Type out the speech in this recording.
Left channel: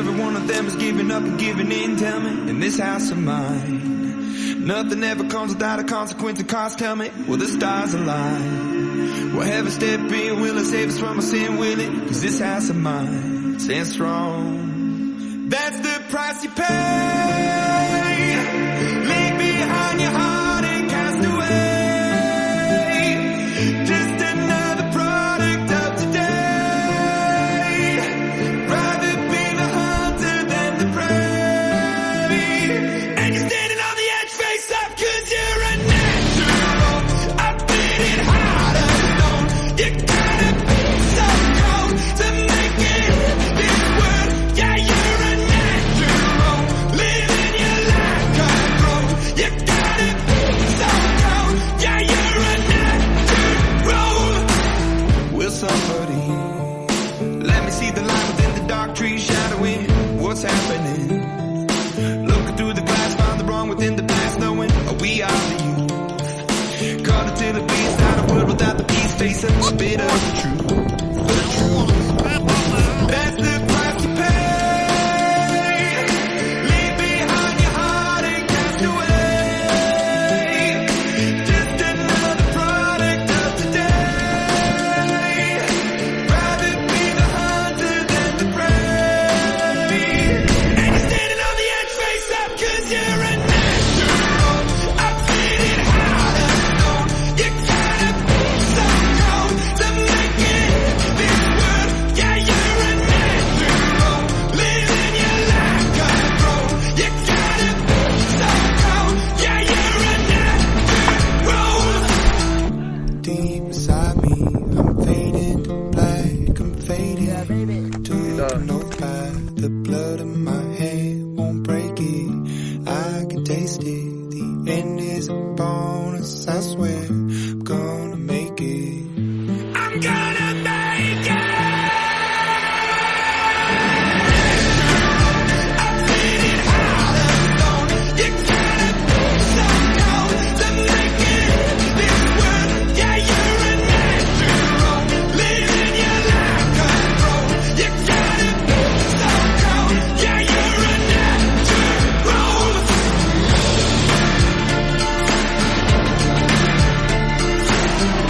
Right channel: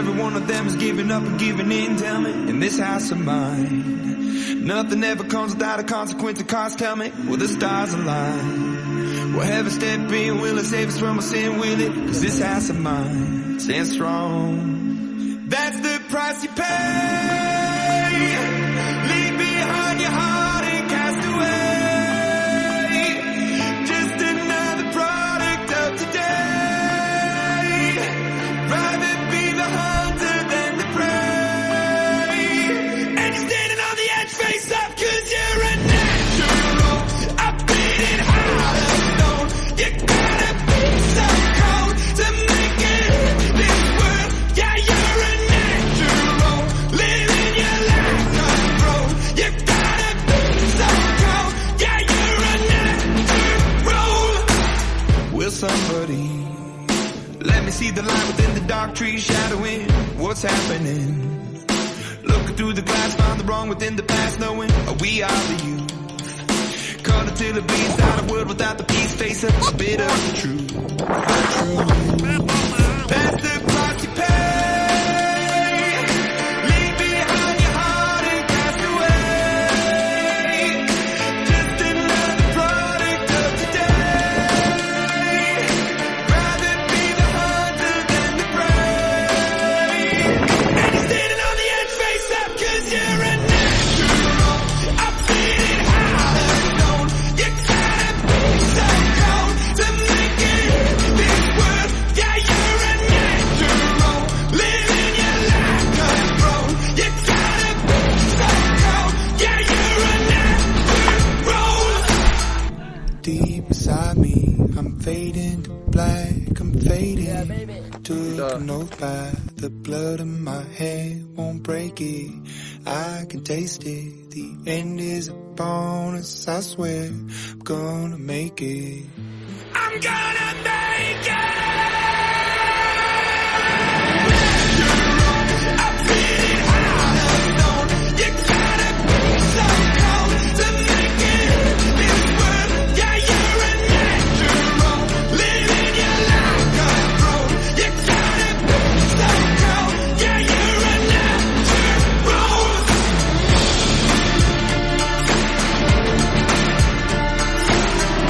every one of them is giving up and giving in. Tell me, in this house of mine, nothing ever comes without a consequence of cost. Tell me, will the stars align? Will heaven step in? Will it save us from our sin? Will it? Cause this house of mine stands strong. That's the price you pay. Leave behind your heart and cast away. Just another product of today. Rather be the hunter than the prey. And you're standing on the edge, face up, cause you're a natural. I've been in heart of stone. You gotta be so cold to make it in this world. Yeah, you're a natural. Living your life controlled. You gotta be so cold. Yeah, you're a natural. Will somebody let me see the light within the dark trees shadowing what's happening? Looking through the glass, find the wrong within the past, knowing we are the youth. Caught until it bleeds out of world without the peace, face up a bit of the truth. The truth. That's the price you pay. Leave behind your heart and cast away. Just another product of today. Rather be the hunter than the prey. And you're standing on the edge, face up, cause you're a natural. I've been in heart of stone. You gotta be so cold to make it in this world. Yeah, you're a natural. Living your life controlled. You gotta be so cold. Yeah, you're a natural. Deep inside me, I'm fading to black. I'm fading. Took an oath by the blood in my hand. Won't break it. I can taste it. The end is a bonus. I swear I'm gonna make it. I'm gonna make it.